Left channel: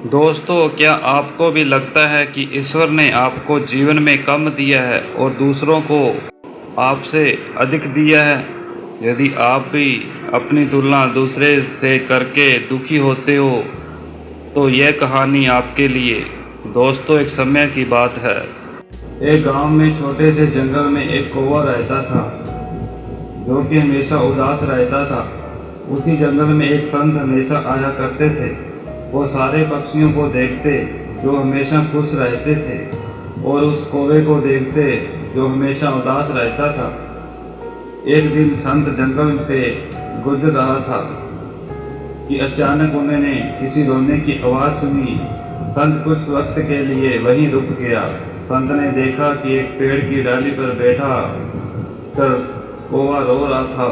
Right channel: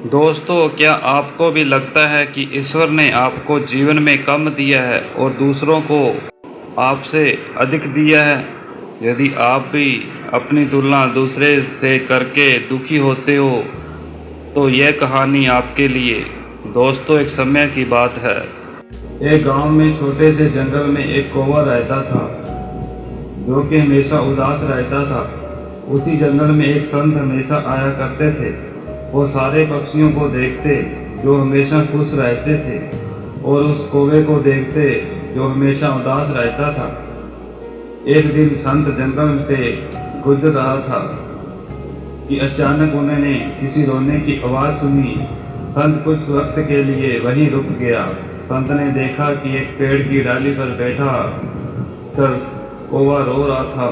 दोस्तों, क्या आपको भी लगता है कि ईश्वर ने आपको जीवन में कम दिया है और दूसरों को आपसे अधिक दिया है? यदि आप भी अपनी तुलना दूसरे से करके दुखी होते हो, तो यह कहानी आपके लिए। दोस्तों, एक समय की बात है। एक गांव में छोटे से जंगल में एक कौवा रहता था, जो कि हमेशा उदास रहता था। उसी जंगल में एक संत हमेशा आया करते थे। वो सारे पक्षियों को देखते जो हमेशा खुश रहते थे, और उस कौवे को देखते जो हमेशा उदास रहता था। एक दिन संत जंगल से गुजर रहा था कि अचानक उन्होंने किसी रोने की आवाज़ सुनी। संत कुछ वक्त के लिए वहीं रुक गया। संत ने देखा कि एक पेड़ की डाली पर बैठा कर कौवा रो रहा था।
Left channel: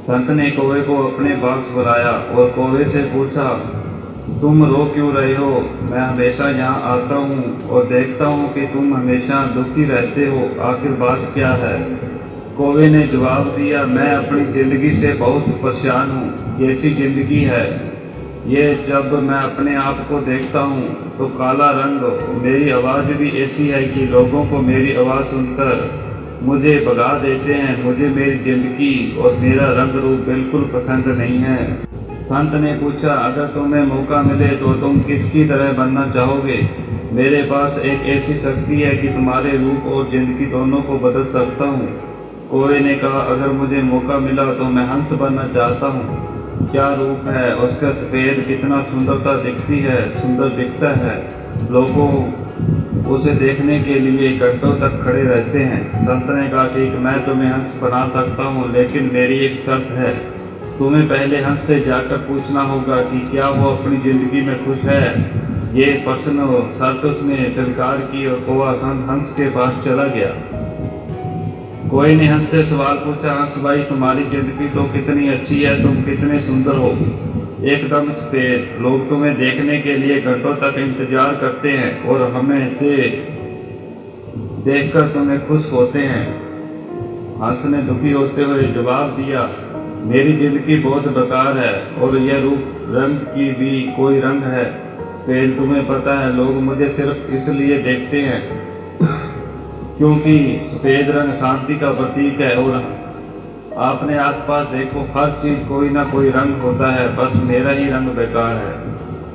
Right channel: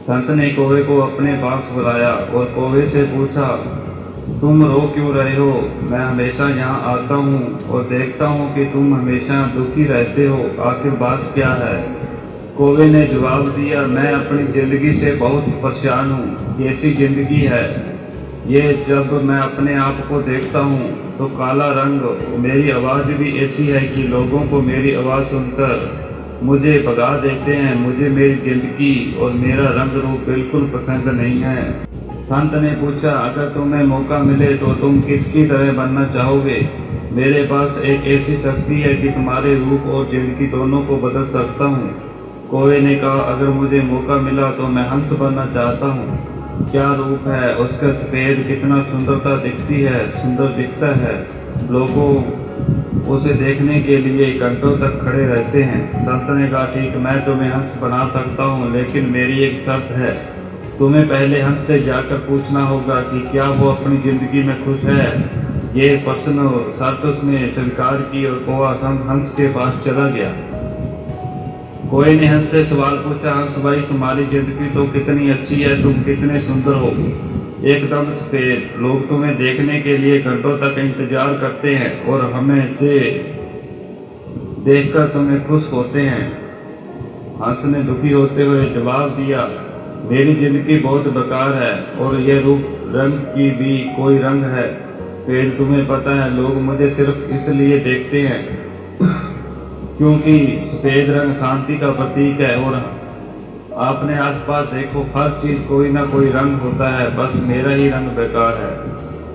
संत ने कौवे को अपने पास बुलाया और कौवे से पूछा, तुम रो क्यों रहे हो? मैं हमेशा यहाँ आता हूँ और देखता हूँ कि तुम हमेशा दुखी रहते हो। आखिर बात क्या है? कौवे ने जवाब दिया, मैं अपनी ज़िंदगी से बहुत परेशान हूँ। कैसी ज़िंदगी है ये? जब मैं अपने आप को देखता हूँ तो काला रंग। मेरी आवाज़ भी ऐसी है कि लोगों को मेरी आवाज़ सुनकर मुझे भगा देते हैं। मुझे मेरी ज़िंदगी और मेरा रंग रूप बिल्कुल पसंद नहीं है। संत ने पूछा, अगर तुम्हें मौका मिले तो तुम किसकी तरह बनना चाहोगे? मेरे पास एक ऐसी शक्ति है कि तुम्हारे रूप और ज़िंदगी दोनों को बदल सकता हूँ। कौवे ने कहा, अगर मुझे मौका मिला तो मैं हंस बनना चाहता हूँ। क्या रूप है उसका! सफ़ेद कितना सुंदरता दिखती है, सुंदर दिखता है। लोगों उसे देखने के लिए घंटों तक खड़े रहते हैं। संत ने कहा, ठीक, मैं तुम्हें हंस बना सकता हूँ, लेकिन मेरी एक शर्त है। तुम्हें पहले हंस से जाकर पूछना होगा कि क्या वो अपनी ज़िंदगी में खुश है। ये प्रश्न शर्त उसने स्वीकार की और कौवा हंस के पास चला गया। कोई ने हंस से सवाल पूछा, हंस भाई, तुम्हारी ज़िंदगी तो कितनी अच्छी है, तुम कितने सुंदर हो, एकदम सफ़ेद। लोग तुम्हें देखने के लिए घंटों तक इंतज़ार करते हैं और हमें से देखकर तुम्हें खुश होते हैं। हंस ने दुखी होते हुए जवाब दिया, मेरी ज़िंदगी बहुत बेकार है और यह रूप रंग की भी कोई रंग है। सफ़ेद, तुम्हें पता है लोग मुझे सिर्फ इसलिए देखते हैं क्योंकि सफ़ेद रंग शांति का प्रतीक है, और आपने आसपास देखो, हर चीज़ कोई ना कोई रंग होता है, बस मेरा ही रंग बेकार है।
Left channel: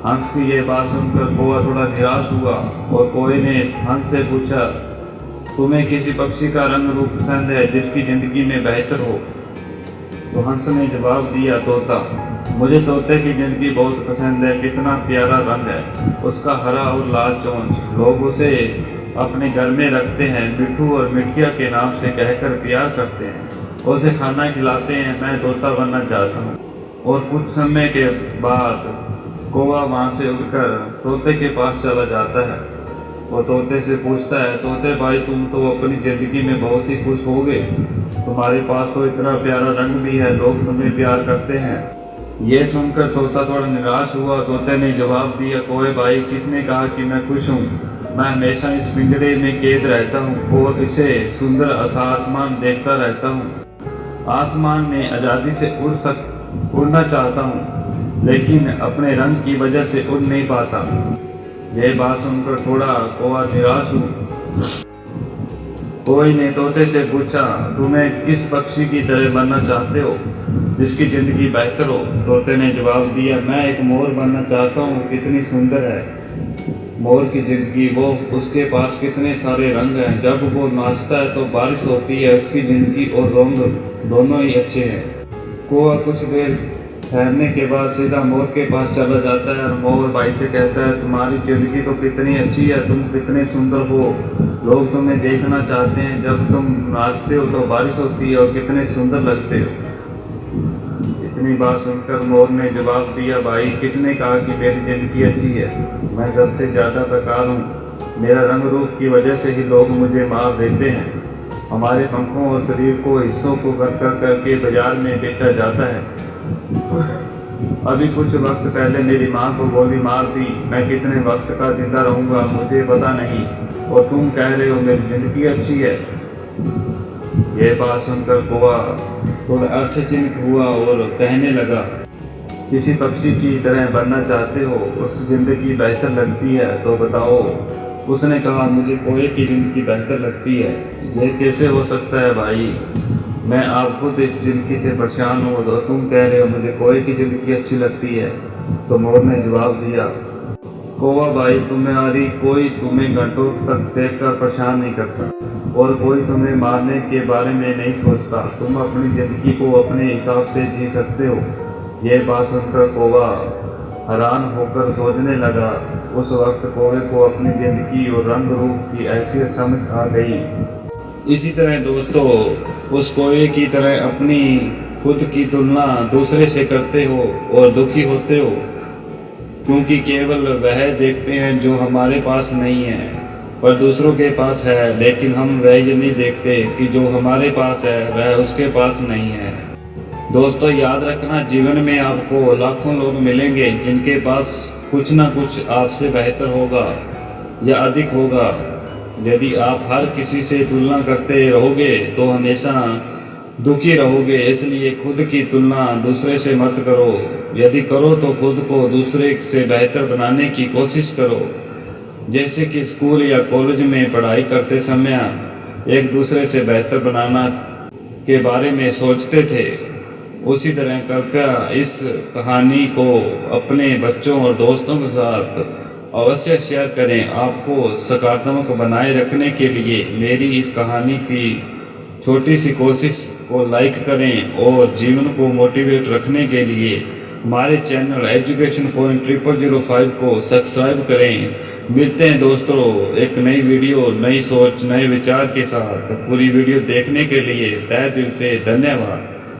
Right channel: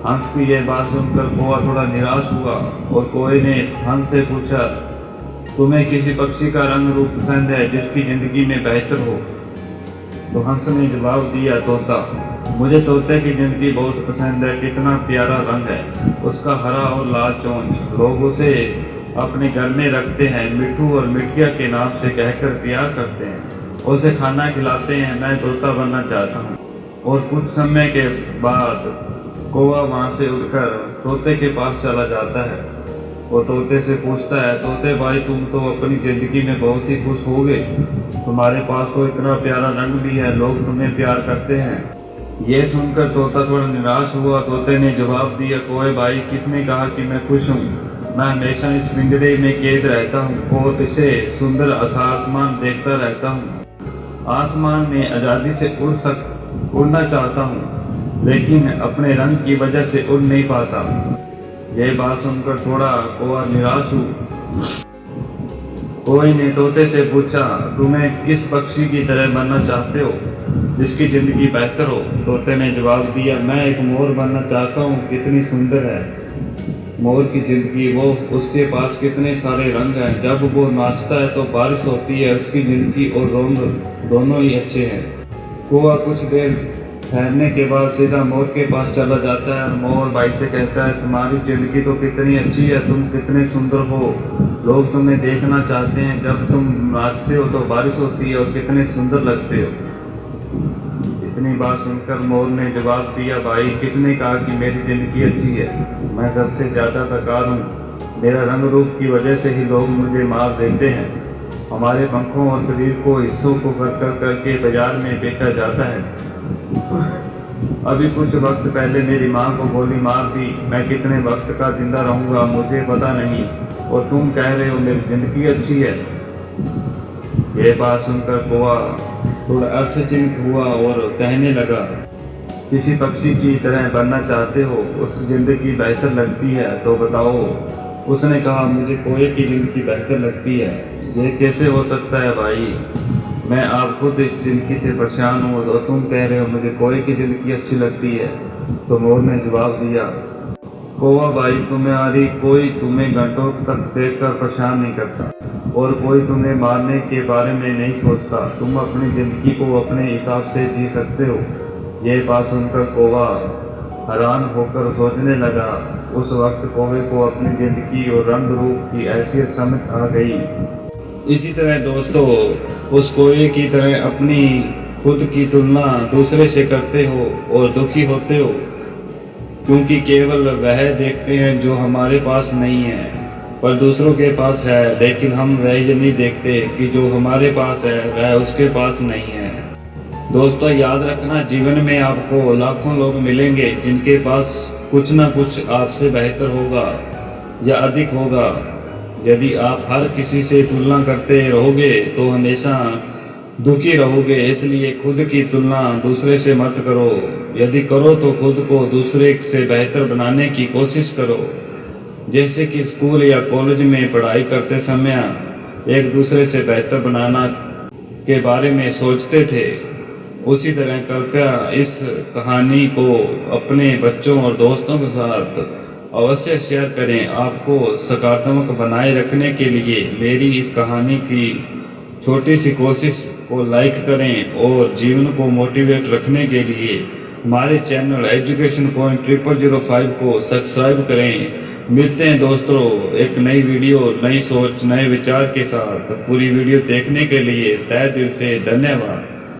हंस की यह बात सुनकर कौवा थोड़ा निराश हुआ और कौवे ने हंस से पूछा, तुम्हें किसी पक्षी का रंग रूप पसंद है जिसकी ज़िंदगी में बेहतर हो? तो हंस ने जवाब दिया, तोता। मुझे तोते की ज़िंदगी बहुत पसंद है। कितना प्यारा रंग है उसका, हरा और लाल चोंच। लोग उसे अपने घर में रखते हैं, मिट्ठू और मिठिया के नाम से कहकर प्यार करते हैं, उसे खाना खिलाते हैं। मैं तोता बनना चाहता हूँ। और कुछ समय के बाद कौवा वहाँ से उड़कर तोते के पास चला जाता है। वो तोते से पूछता है, तोते भाई, तुम तो अपनी ज़िंदगी में बहुत ही खुश होगे। तुम्हारे पास तो इतना प्यारा रंग भी है, लोग तुम्हें प्यार करते हैं। ये सुनकर तोता थोड़ा निराश हुआ। तोते ने जवाब दिया, कौवे भाई, किसने कहा कि मैं खुश हूँ? मैं हमेशा इस पिंजरे में कैद रहता हूँ और इसे सुंदर आसमान देखता रहता हूँ। आसमान में आज़ादी से उड़ना चाहता हूँ, लेकिन अपने रंग की वजह से उड़ नहीं पाता। यह बात सुनकर थोड़ा कौवा निराश हुआ। कौवे ने तोते से पूछा, तुम्हें किस पक्षी की तरह बनना चाहते हो जिसकी ज़िंदगी बेहतर हो? तोते ने जवाब दिया, मैं एक मोर बनना चाहता हूँ। कितनी सुंदर है मोर की ज़िंदगी, वो उसके पास कितने सारे रंग हैं। जब वो नाचता है तो बारिश होती है। उसकी ज़िंदगी और रंग दोनों ही अच्छे हैं। कौवा कुछ देर ठहरने के बाद सीधा मोर के पास चला जाता है और मोर भाई से कहता है, तुम्हारी ज़िंदगी तो कितनी अच्छी है, तुम कितने सुंदर हो, लोग तुम्हें देखना चाहते हैं। जब तुम नाचते हो तो बारिश होती है और कितने सुंदर लगते हो। इतनी बात सुनकर मोर ने जवाब दिया, भाई, किसने कहा कि मेरी ज़िंदगी अच्छी है? मैं सबसे ज़्यादा बेकार हूँ। मेरा रंग रूप की वजह से ही लोग मुझे मार देते हैं। हमारे पंखों और शरीर को हिस्सों को करके बाजार में बेचा जाता है। अभी कुछ वक्त पहले मेरी माँ को गोली मार दी। मैं कितने वक्त का जिंदा रहूँगा मुझे पता नहीं, और तुम कह रहे हो मेरी ज़िंदगी अच्छी है। यह बात सुनकर कौवा थोड़ा आश्चर्यचकित हुआ और कहने लगा, किसी पक्षी की तरह बनना चाहते हो, उसकी ज़िंदगी बेहतर लगती है तो बताओ। उसने कहा, मुझे कोए की ज़िंदगी बेहतर लगती है। यह कैसे हो सकता है भाई, मैं आप खुद इस ज़िंदगी से परेशान हूँ और तुम कह रहे हो मुझे कोए की ज़िंदगी अच्छी लगती है। तो मोर ने जवाब दिया, कौवा भाई, तुम्हारी कोई तुम्हें घंटों तक देखकर परेशान नहीं करता और कोई तुम्हें मारने के बारे में नहीं सोचता। तुम अपनी ज़िंदगी को अपने हिसाब से जी सकते हो। यह बात सुनकर कौवा हैरान होकर सोचने लगा। उस वक्त कौवे को अपनी ज़िंदगी और रंग रूप की हैसियत समझ आ गई। इसी तरह दोस्तों, उस कौवे की तरह अपनी खुद की तुलना दूसरे से करते हो और दुखी होते हो, क्योंकि केवल वह देखते हैं जो हमारे पास नहीं है पर दूसरों के पास है, लेकिन हम वह नहीं देखते कि जो हमारे पास है वह उसके पास नहीं है। दोस्तों याद रखना, जीवन में आपको लाखों लोग मिलेंगे जिनके पास कुछ ना कुछ आपसे बेहतर होगा या अधिक होगा। यदि आप हर किसी से तुलना करते रहोगे तो हमेशा दुखी रहोगे। इसलिए खुद की तुलना दूसरे से मत करो। यदि करो तो खुद को दूसरे से बेहतर बनाने की कोशिश करो। जैसे कि स्कूल या कॉलेज में पढ़ाई करते समय एक दूसरे से बेहतर बनाना के बारे में सोचते थे, उसी तरह कृपया इस कहानी को अपने बच्चों और दोस्तों के साथ अवश्य शेयर करें। आपको सकारात्मक बनाए रखने के लिए मेरी इस कहानी की छोटी सी कोशिश को लाइक करें और जीवन को मोटिवेट रखने के लिए हमारे चैनल एजुकेशन पॉइंट 0005 को सब्सक्राइब करें। मिलते हैं दोस्तों एक नई वीडियो, नई सोच, नए विचार के साथ। पूरी वीडियो देखने के लिए तहे दिल से धन्यवाद।